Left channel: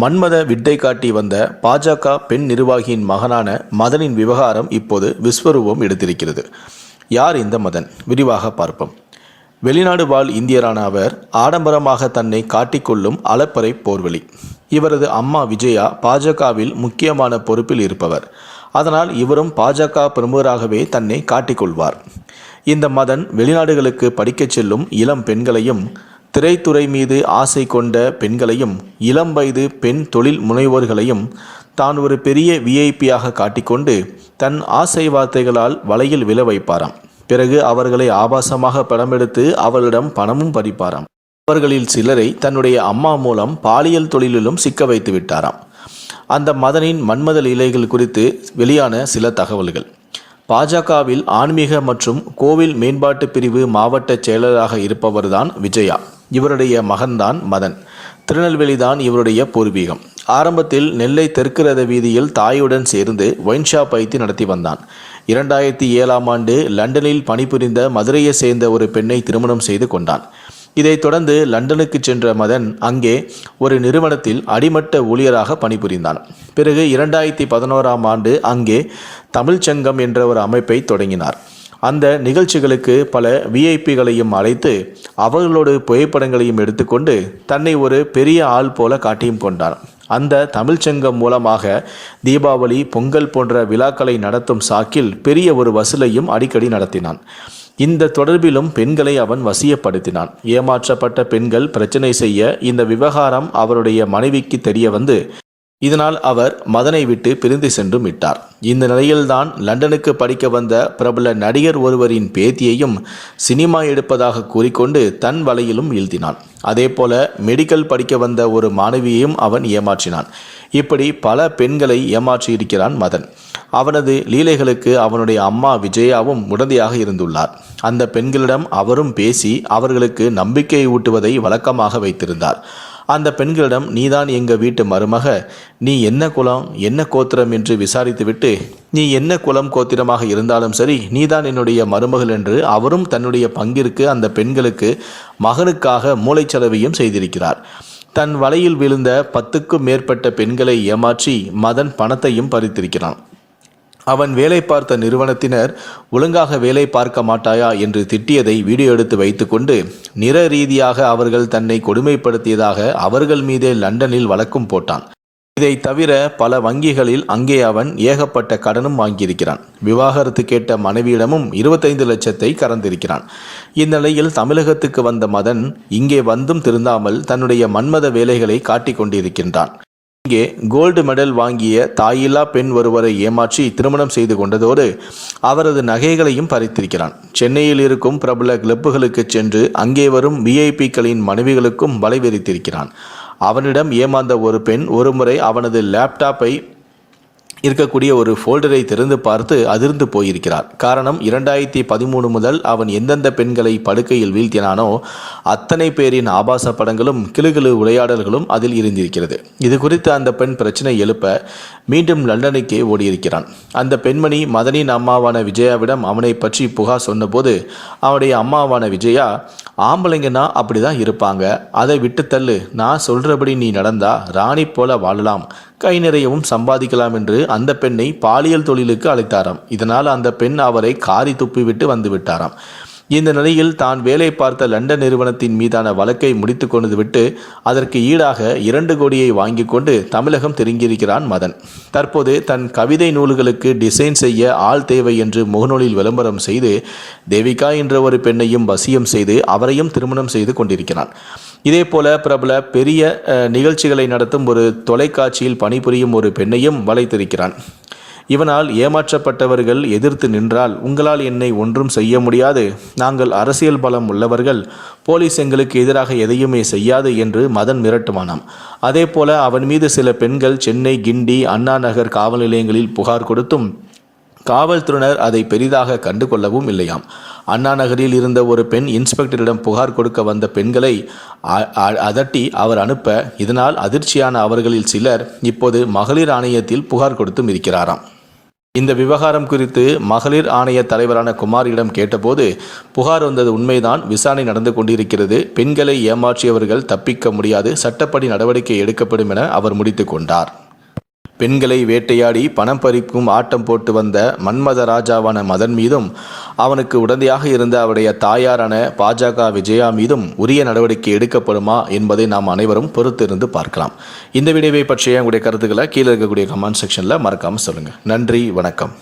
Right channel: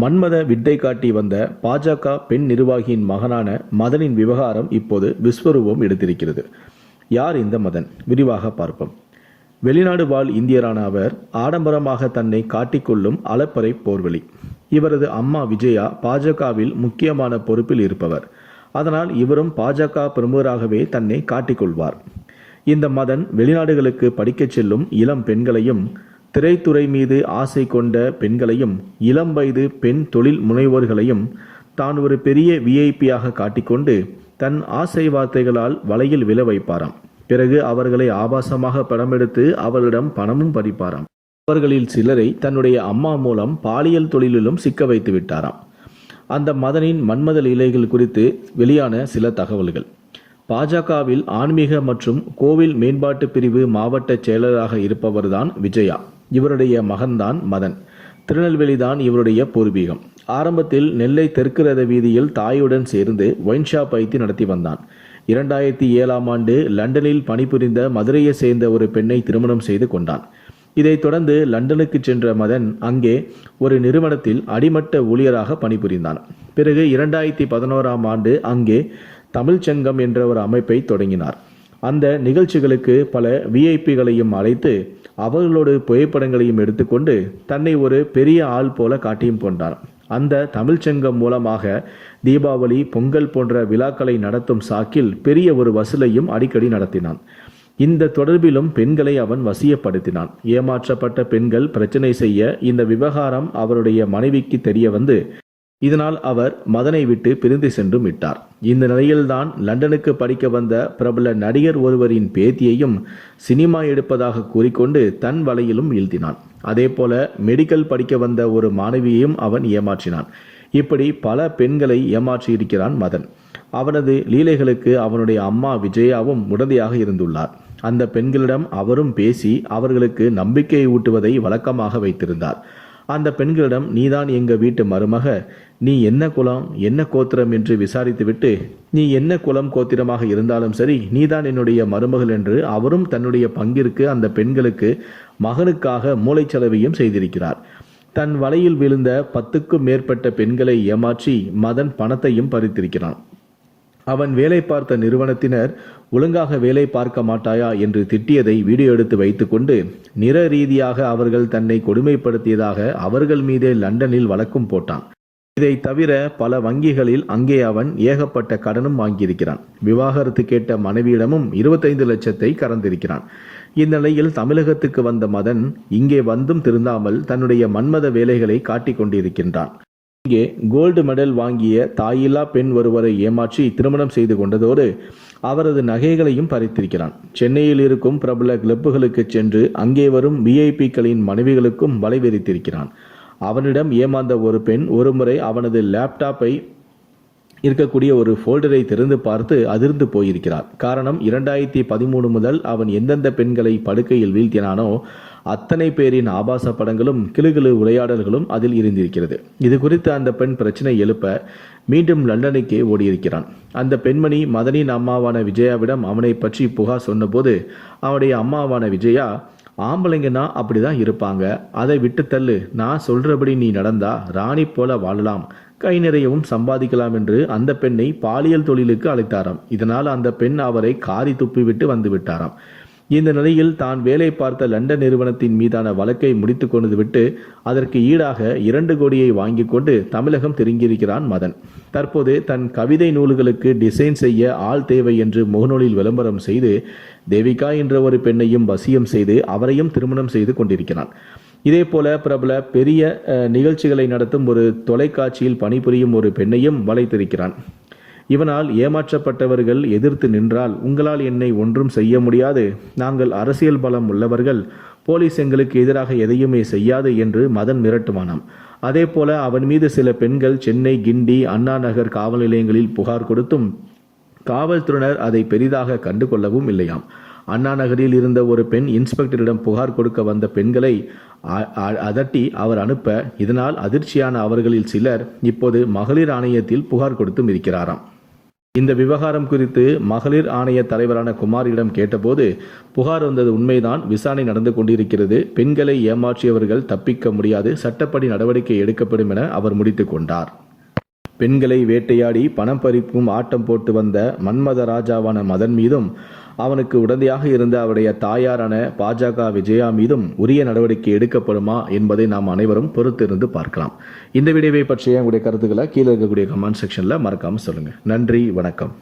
மன்மத வித்தை காட்டி வந்த பாஜக பெண் நிர்வாகியின் மகனான மதனின் விவகாரம் இப்போது விஸ்வரூபம் எடுத்திருக்கிறது. யார் இந்த மதன்? விரிவாக பார்ப்போம். வெளிநாடு வாழ் இந்தியரான அவர் ஆடம்பரமாக தன்னை காட்டிக்கொள்ளும் அலப்பறை போர்வழி இவரது அம்மா விஜயா பாஜகவில் முக்கியமான பொறுப்பில் இருப்பவர். அதனால் இவரும் பாஜக பிரமுகராகவே தன்னை காட்டிக்கொள்வார். இந்த மதன் வெளிநாடுகளுக்கு படிக்கச் செல்லும் இளம் பெண்களையும் திரைத்துறை மீது ஆசை கொண்ட பெண்களையும் இளம் வயது பெண் தொழில் முனைவோர்களையும் தான் ஒரு பெரிய விஐபியாக காட்டிக்கொண்டு தன் ஆசை வார்த்தைகளால் வலையில் விழ வைப்பாராம். பிறகு அவர்களை ஆபாசமாக படமெடுத்து அவர்களிடம் பணமும் பறிப்பாராம். அவர்களில் சிலரை தன்னுடைய அம்மா மூலம் பாலியல் தொழிலிலும் சிக்க வைத்து விட்டாராம். அந்த மதனின் மன்மத இலைகள் குறித்து வெளியான சில தகவல்கள். பாஜகவில் ஆன்மீக மற்றும் கோவில் மேம்பாட்டு பிரிவு மாவட்ட செயலராக இருப்பவர்தான் விஜயா. இவருடைய மகன்தான் மதன். திருநெல்வேலி தான் இவருடைய பூர்வீகம். ஆரம்பத்தில் நெல்லை தெற்கு ரத வீதியில் தாயுடன் சேர்ந்து ஒயின் ஷாப் வைத்து நடத்தி வந்தான். இரண்டாயிரத்தி ஏழாம் ஆண்டு லண்டனில் பணிபுரிந்த மதுரையை சேர்ந்த ஒரு பெண்ணை திருமணம் செய்து கொண்டான். இதைத் தொடர்ந்து லண்டனுக்கு சென்ற மதன் அங்கே ஒரு நிறுவனத்தில் அடிமட்ட ஊழியராக பணிபுரிந்தான். பிறகு இரண்டாயிரத்தி பதினோராம் ஆண்டு அங்கே தமிழ்ச்சங்கம் என்ற ஒரு அமைப்பை தொடங்கினார். அந்த நிகழ்ச்சிகளுக்கு பல விஐபிகளையும் அழைத்து அவர்களோடு புகைப்படங்களையும் எடுத்துக்கொண்டு தன்னை ஒரு பெரிய ஆள் போல காட்டியும் கொண்டார். அந்த தமிழ்ச்சங்கம் மூலமாக தீபாவளி பொங்கல் போன்ற விழாக்களை நடத்தும் சாக்கில் பெரிய ஒரு வசூலையும் அடிக்கடி நடத்தினான். இந்த தொடர்பிலும் பெண்களை அவன் வசியப்படுத்தினான். ஏமாற்றப்பட்ட பெண்கள் பிரச்சனை செய்ய இந்த விவகாரம் அவருடைய மனைவிக்கு தெரிய வந்து இதனால் அவர் மதனை விட்டு பிரிந்து சென்றும் விட்டார். இந்த நிலையில்தான் லண்டனுக்கு படிக்க வந்த பிரபல நடிகர் ஒருவரின் பேத்தியையும் சினிமா எடுப்பதாக கூறிக்கொண்டு தன் வலையிலும் வீழ்த்தினான். அதேபோல மெடிக்கல் படிக்க வந்த ஒரு மாணவியையும் அவன் ஏமாற்றினான். இப்படி பல பெண்களை ஏமாற்றியிருக்கிறான் மதன். அவனது லீலைகளுக்கு அவனுடைய அம்மா விஜயாவும் உடந்தையாக இருந்துள்ளார். அந்த பெண்களிடம் அவரும் பேசி அவர்களுக்கு நம்பிக்கையை ஊட்டுவதை வழக்கமாக வைத்திருந்தார். அந்த பெண்களிடம் நீதான் எங்கள் வீட்டு மருமக. நீ என்ன குலம் என்ன கோத்திரம் என்று விசாரித்துவிட்டு நீ என்ன குலம் கோத்திரமாக இருந்தாலும் சரி நீதான் என்னுடைய மருமகள் என்று அவரும் தன்னுடைய பங்கிற்கு அந்த பெண்களுக்கு மகனுக்காக மூளைச்சலவையும் செய்திருக்கிறார். தன் வலையில் விழுந்த பத்துக்கும் மேற்பட்ட பெண்களை ஏமாற்றி மதன் பணத்தையும் பறித்திருக்கிறான். அவன் வேலை பார்த்த நிறுவனத்தினர் ஒழுங்காக வேலை பார்க்க மாட்டாயா என்று திட்டியதை வீடியோ எடுத்து வைத்துக்கொண்டு நிற ரீதியாக அவர்கள் தன்னை கொடுமைப்படுத்தியதாக அவர்கள் மீதே லண்டனில் வழக்கும் போட்டான். இதை தவிர பல வங்கிகளில் அங்கே அவன் ஏகப்பட்ட கடனும் வாங்கியிருக்கிறான். விவாகரத்து கேட்ட மனைவியிடமும் இருபத்தைந்து லட்சத்தை கறந்திருக்கிறான். இந்நிலையில் தமிழகத்துக்கு வந்த மதன் இங்கே வந்தும் திருந்தாமல் தன்னுடைய மன்மத வேலைகளை காட்டிக் கொண்டிருக்கின்றான் இங்கே கோல்டு மெடல் வாங்கிய தாயில்லா பெண் ஒருவரை ஏமாற்றி திருமணம் செய்து கொண்டதோடு அவரது நகைகளையும் பறித்திருக்கிறான். சென்னையில் இருக்கும் பிரபல கிளப்புகளுக்கு சென்று அங்கே வரும் விஐபிக்களின் மனைவிகளுக்கும் வலை விரித்திருக்கிறான் அவனிடம் ஏமாந்த ஒரு பெண் ஒருமுறை அவனது லேப்டாப்பை இருக்கக்கூடிய ஒரு ஃபோல்டரை திறந்து பார்த்து அதிர்ந்து போயிருக்கிறார். காரணம் இரண்டாயிரத்தி பதிமூணு முதல் அவன் எந்தெந்த பெண்களை படுக்கையில் வீழ்த்தினானோ அத்தனை பேரின் ஆபாச படங்களும் கிளுகிளு உரையாடல்களும் அதில் இருந்திருக்கிறது. இது குறித்து அந்த பெண் பிரச்சனை எழுப்ப மீண்டும் லண்டனுக்கே ஓடியிருக்கிறான். அந்த பெண்மணி மதனின் அம்மாவான விஜயாவிடம் அவனை பற்றி புகார் சொன்னபோது அவனுடைய அம்மாவான விஜயா ஆம்பளைங்கன்னா அப்படி தான் இருப்பாங்க. அதை விட்டு தள்ளு. நான் சொல்கிறபடி நீ நடந்தா ராணி போல வாழலாம். கை நிறையவும் சம்பாதிக்கலாம் என்று அந்த பெண்ணை பாலியல் தொழிலுக்கு அழைத்தாராம். இதனால் அந்த பெண் அவரை காரி துப்பிவிட்டு வந்து விட்டாராம். இந்த நிலையில் தான் வேலை பார்த்த லண்டன் நிறுவனத்தின் மீதான வழக்கை முடித்து கொண்டு விட்டு அதற்கு ஈடாக இரண்டு கோடியை வாங்கி கொண்டு தமிழகம் திரும்பியிருக்கிறான் மதன். தற்போது தன் கவிதை நூல்களுக்கு டிசைன் செய்ய ஆள் தேவை என்று முகநூலில் விளம்பரம் செய்து தேவிகா என்ற ஒரு பெண்ணையும் வசியம் செய்து அவரையும் திருமணம் செய்து கொண்டிருக்கிறான். இதே போல பிரபல பெரிய நிகழ்ச்சிகளை நடத்தும் ஒரு தொலைக்காட்சியில் பணிபுரியும் ஒரு பெண்ணையும் வளைத்திருக்கிறான். இவனால் ஏமாற்றப்பட்டவர்கள் எதிர்த்து நின்றால் உங்களால் என்னை ஒன்றும் செய்ய முடியாது. நாங்கள் அரசியல் பலம் உள்ளவர்கள். போலீஸ் எங்களுக்கு எதிராக எதையுமே செய்யாது என்று மதன் மிரட்டுவானாம். அதே போல அவன் மீது சில பெண்கள் சென்னை கிண்டி அண்ணா நகர் காவல் நிலையங்களில் புகார் கொடுத்தும் காவல்துறையினர் அதை பெரிதாக கண்டுகொள்ளவும் இல்லையாம். அண்ணா நகரில் இருந்த ஒரு பெண் இன்ஸ்பெக்டரிடம் புகார் கொடுக்க வந்த பெண்களை அதட்டி அவர் அனுப்ப இதனால் அதிர்ச்சியான அவர்களில் சிலர் இப்போது மகளிர் ஆணையத்தில் புகார் கொடுத்தும் இருக்கிறாராம். இந்த விவகாரம் குறித்து மகளிர் ஆணைய தலைவரான குமாரியிடம் கேட்டபோது புகார் வந்தது உண்மைதான் விசாரணை நடந்து கொண்டிருக்கிறது பெண்களை ஏமாற்றியவர்கள் தப்பிக்க முடியாது சட்டப்படி நடவடிக்கை எடுக்கப்படும் என அவர் முடித்து கொண்டார். பெண்களை வேட்டையாடி பணம் பறிக்கும் ஆட்டம் போட்டு வந்த மன்மத ராஜாவான மதன் மீதும் அவனுக்கு உடந்தையாக இருந்த அவருடைய தாயாரான பாஜக விஜயா மீதும் உரிய நடவடிக்கை எடுக்கப்படுமா என்பதை நாம் அனைவரும் பொறுத்திருந்து பார்க்கலாம். இந்த வீடியோவை பற்றிய உங்களுடைய கருத்துக்களை கீழே இருக்கக்கூடிய கமெண்ட் செக்ஷனில் மறக்காமல் சொல்லுங்கள் நன்றி வணக்கம்.